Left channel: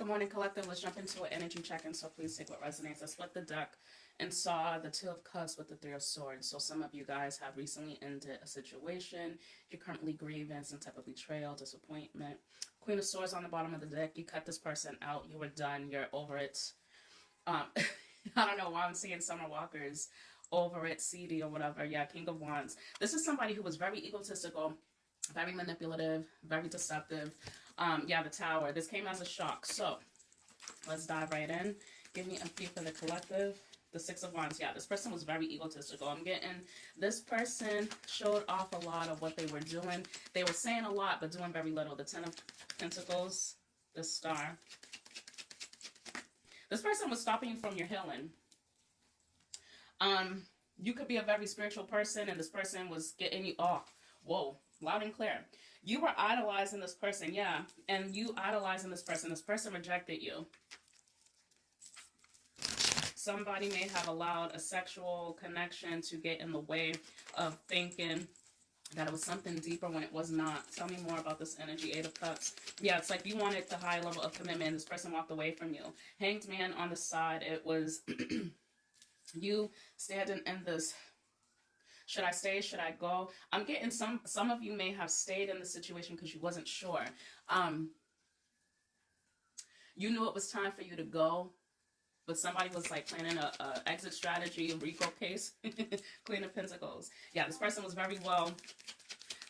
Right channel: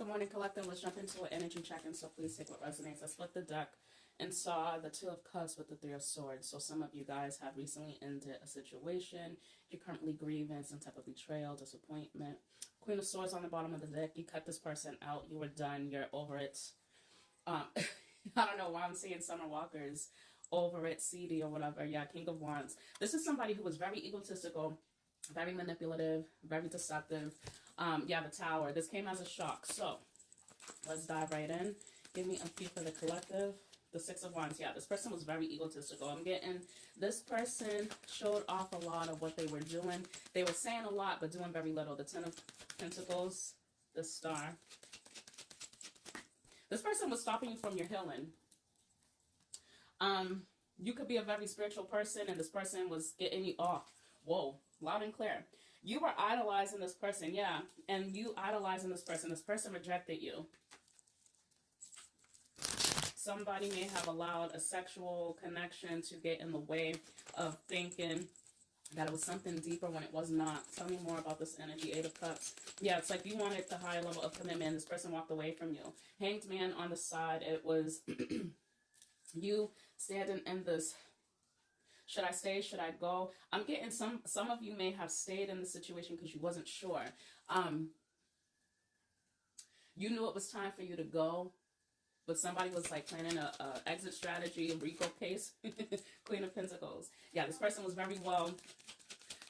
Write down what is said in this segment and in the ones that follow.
Good morning, collective. Let's jump into an energy check-in, so please take what resonates. I split the deck and saw the Two of Cups with the Three of Swords. So some of you guys have recently ended a situation. You're currently grieving some type of betrayal, disappointment. Queen of Swords on the bottom of the deck. You cut this person out. You were done. You're over it. I don't know why I'm seeing Summer Walker's over it, CD or whatever. Yeah, King of Wands. This is somebody who was very egotistical, very manipulative, very deceptive. Yeah, the Tower. This came as a shock. So let's dive right in. Give me a few for the collective. The Six of Wands. Yeah, this person was very egotistical. I'm getting this person showed off a lot of what they were doing. They were saying a lot, but doing very little. The Ten of Pentacles, the Star. This person was stopping you from your healing. You could be a very spiritual person, and this person was getting you off. Whoa, loud and clear. You were idolizing this person, yeah, and you idolizing this person. This person rejected you. Somebody may have allowed a sexual connection to get in the way of thinking that it was something deeper when it was not. Tell me more about this energy. Eight of Cups. Yeah, it's like you wanted the high level of commitment. This person walked away from you. Hanged Man on the side. It was you standing in this. Should I stay? Should I go? I'm getting some of you may have stayed in the situation because you wasn't sure. You knew it was time for you to go, but somebody was like planning a exit strategy, a RICO case. Queen of Pentacles. Yeah, this person was very well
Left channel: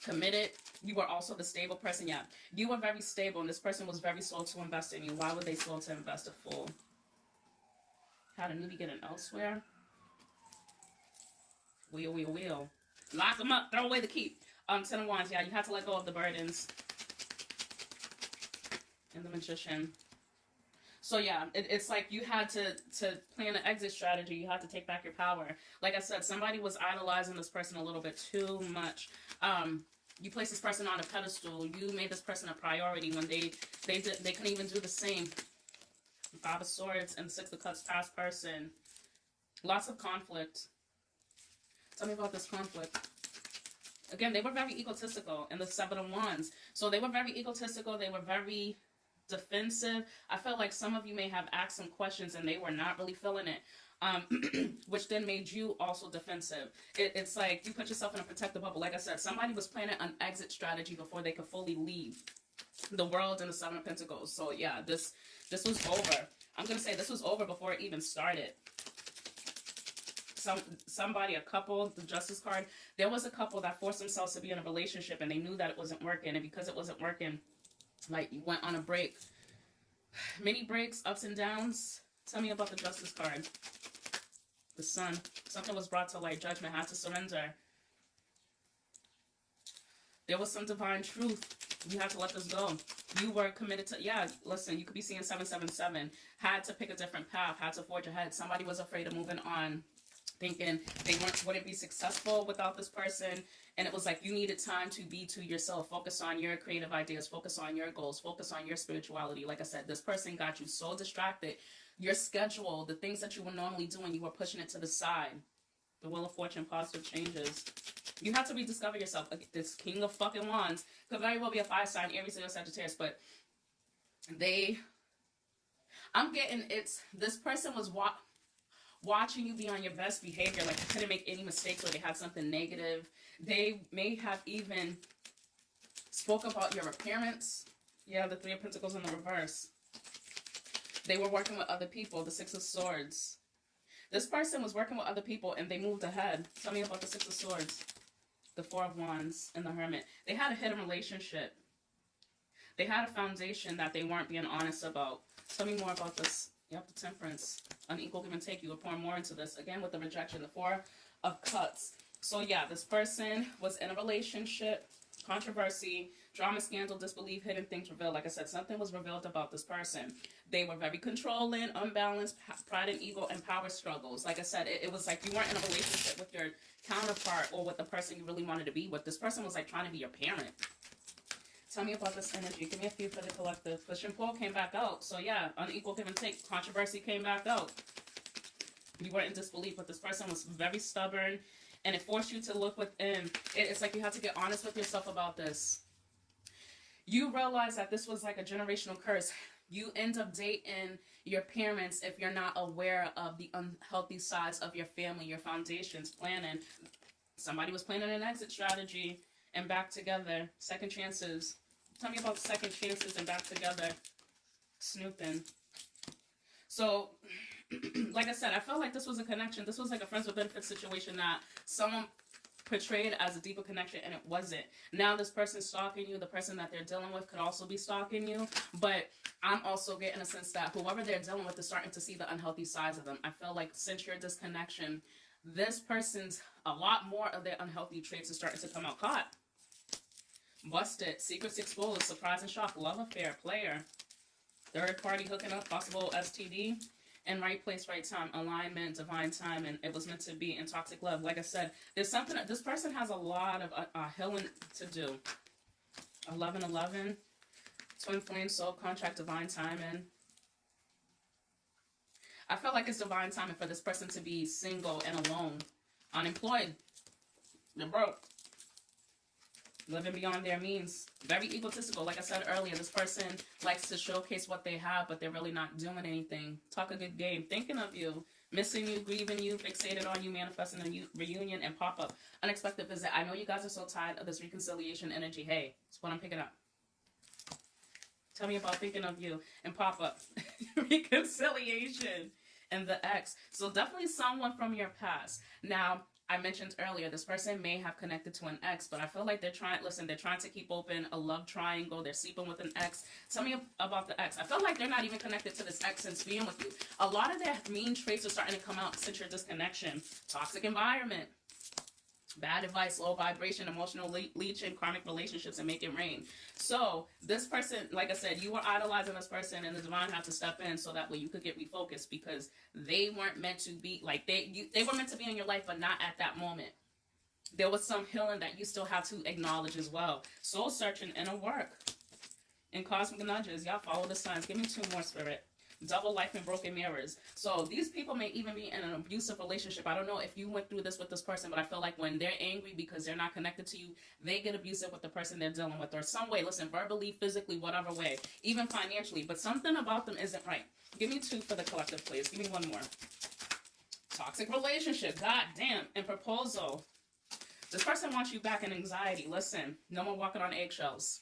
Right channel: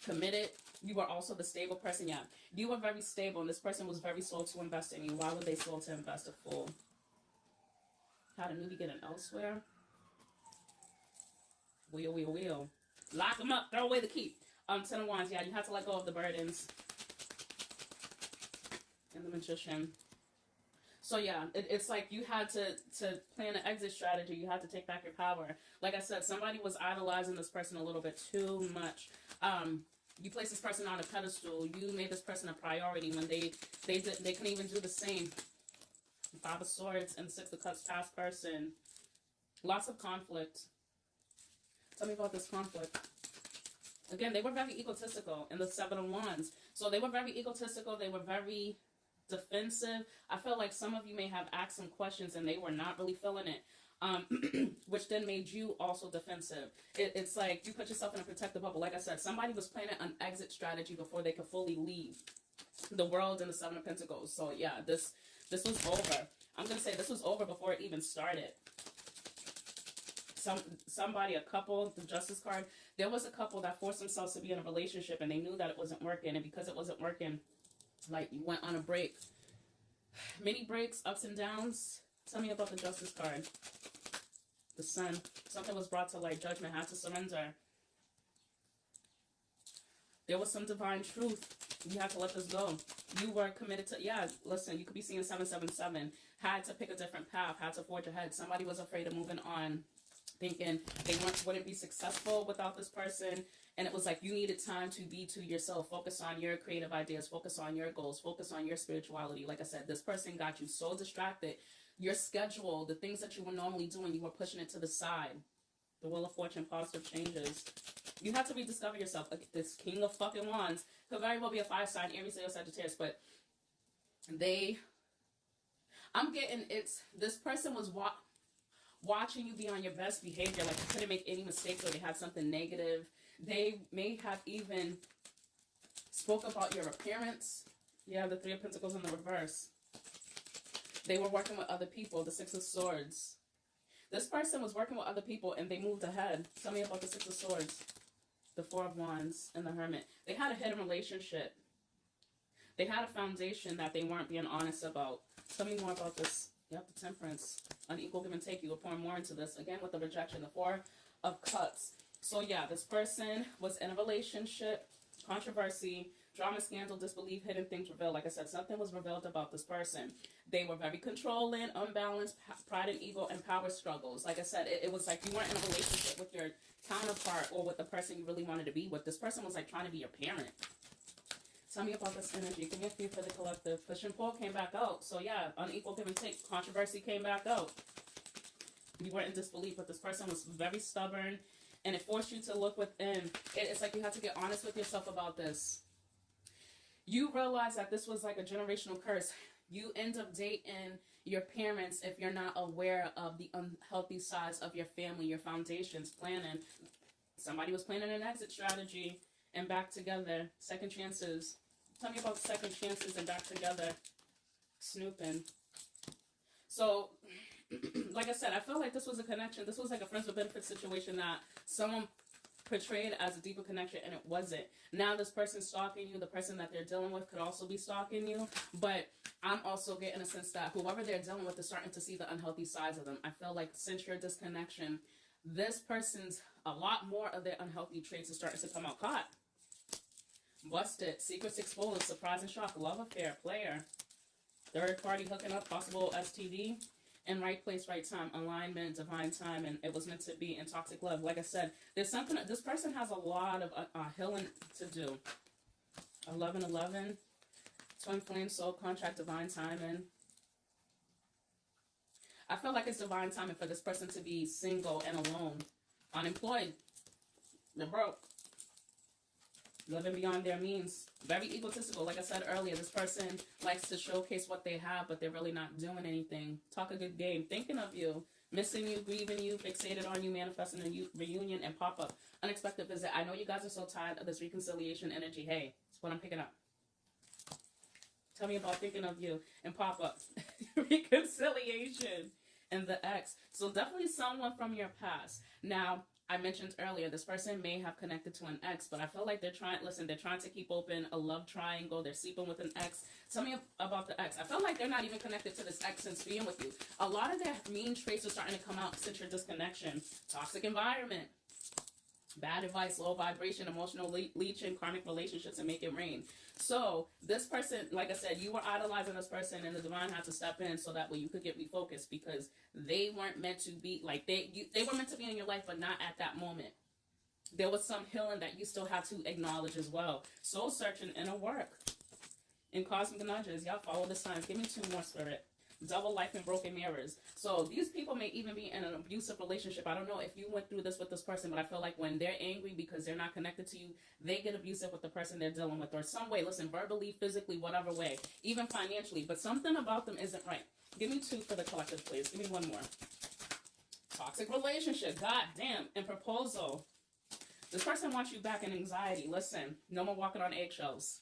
committed. You were also the stable person. Yeah, you were very stable, and this person was very slow to invest in you. Why would they slow to invest a fool? Had a newbie get an elsewhere? Wheel. Lock them up. Throw away the key. Ten of Wands. Yeah, you had to let go of the burdens. And the Magician. So yeah, it's like you had to plan an exit strategy. You had to take back your power. Like I said, somebody was idolizing this person a little bit too much. You placed this person on a pedestal. You made this person a priority when they couldn't even do the same. Five of Swords and Six of Cups. Past person. Lots of conflict. Tell me about this conflict. Again, they were very egotistical in the Seven of Wands. So they were very egotistical. They were very defensive. I feel like some of you may have asked some questions and they were not really feeling it, which then made you also defensive. It's like you put yourself in a protective bubble. Like I said, somebody was planning an exit strategy before they could fully leave the world and the Seven of Pentacles. So yeah, this was over. I'm going to say this was over before it even started. Somebody, a couple, the Justice card, there was a couple that forced themselves to be in a relationship and they knew that it wasn't working, and because it wasn't working, like you went on a break. Many breaks, ups and downs. Tell me about the Justice card. The Sun. Something was brought to light. Judgment. Had to surrender. There was some divine truth. You had to let this go. You were committed to, yeah, listen, you could be seeing 777. Had to pick a different path. Had to forge ahead. Somebody was afraid of moving on, thinking they wouldn't be successful without this person. And it was like you needed time to be to yourself. Focus on your creative ideas. Focus on your goals. Focus on your spirituality. Like I said, this person got you so distracted. Your schedule, the things that you were normally doing, you were pushing it to the side. The Wheel of Fortune, positive changes. You have to rediscover yourself. This King of fucking Wands could very well be a fire sign, Aries, Leo, Sagittarius, but I'm getting this person was watching you be on your best behavior, like you couldn't make any mistakes or they had something negative. They may have even spoke about your appearance. Yeah, the Three of Pentacles in the reverse. They were working with other people, the Six of Swords. This person was working with other people and they moved ahead. Tell me about the Six of Swords. The Four of Wands and the Hermit. They had a hidden relationship. They had a foundation that they weren't being honest about. Tell me more about this. Yep, the Temperance. Unequal give and take. You were pouring more into this. Again, with the rejection. The Four of Cups. So yeah, this person was in a relationship. Controversy. Drama, scandal, disbelief, hidden things revealed. Like I said, something was revealed about this person. They were very controlling, unbalanced, pride and ego, and power struggles. Like I said, it was like you weren't in a relationship with your counterpart or with the person you really wanted to be with. This person was like trying to be your parent. Tell me about this energy. Give me a few for the collective. Push and pull came back out. So yeah, unequal give and take. Controversy came back out. You were in disbelief, but this person was very stubborn, and it forced you to look within. It's like you had to get honest with yourself about this. You realize that this was like a generational curse. You end up dating your parents if you're not aware of the unhealthy sides of your family, your foundations, planning. Somebody was planning an exit strategy and back together. Second chances. Tell me about second chances and back together. Snooping. So, like I said, I felt like this was a connection. This was like a friends with benefits situation that someone portrayed as a deeper connection and it wasn't. Now this person's stalking you. The person that they're dealing with could also be stalking you. But I'm also getting a sense that whoever they're dealing with is starting to see the unhealthy sides of them. I feel like since your disconnection, this person's a lot more of their unhealthy traits are starting to come out. Caught. Busted. Secrets exposed. Surprise and shock. Love affair. Player. Third party hooking up. Possible STD. And right place, right time, alignment, divine time, and it was meant to be in toxic love. Like I said, there's something, this person has a lot of healing to do. 1111, twin flame, soul contract, divine timing. I feel like it's divine timing for this person to be single and alone, unemployed, they're broke, living beyond their means, very egotistical. Like I said earlier, this person likes to showcase what they have, but they're really not doing anything. Talk a good game, thinking of you, missing you, grieving you, fixated on you, manifesting a reunion, and pop-up. Unexpected visit. I know you guys are so tired of this reconciliation energy. Hey, it's what I'm picking up. Tell me about thinking of you and pop-up. Reconciliation and the ex. So definitely someone from your past. Now, I mentioned earlier, this person may have connected to an ex, but I feel like they're trying to keep open a love triangle. They're sleeping with an ex. Tell me about the ex. I feel like they're not even connected to this ex since being with you. A lot of their mean traits are starting to come out since your disconnection. Toxic environment. Bad advice, low vibration, emotional leeching, karmic relationships, and make it rain. So this person, like I said, you were idolizing this person, and the divine had to step in so that way you could get refocused because they weren't meant to be like they were meant to be in your life, but not at that moment. There was some healing that you still have to acknowledge as well. Soul searching, inner work, and cosmic nudges. Y'all follow the signs. Give me two more, Spirit. Double life and broken mirrors. So these people may even be in an abusive relationship. I don't know if you went through this with this person, but I feel like when they're angry because they're not connected to you, they get abusive with the person they're dealing with, or some way. Listen, verbally, physically, whatever way, even financially. But something about them isn't right. Give me two for the collective, please. Give me one more. Toxic relationship. God damn. And proposal. This person wants you back in anxiety. Listen, no more walking on eggshells.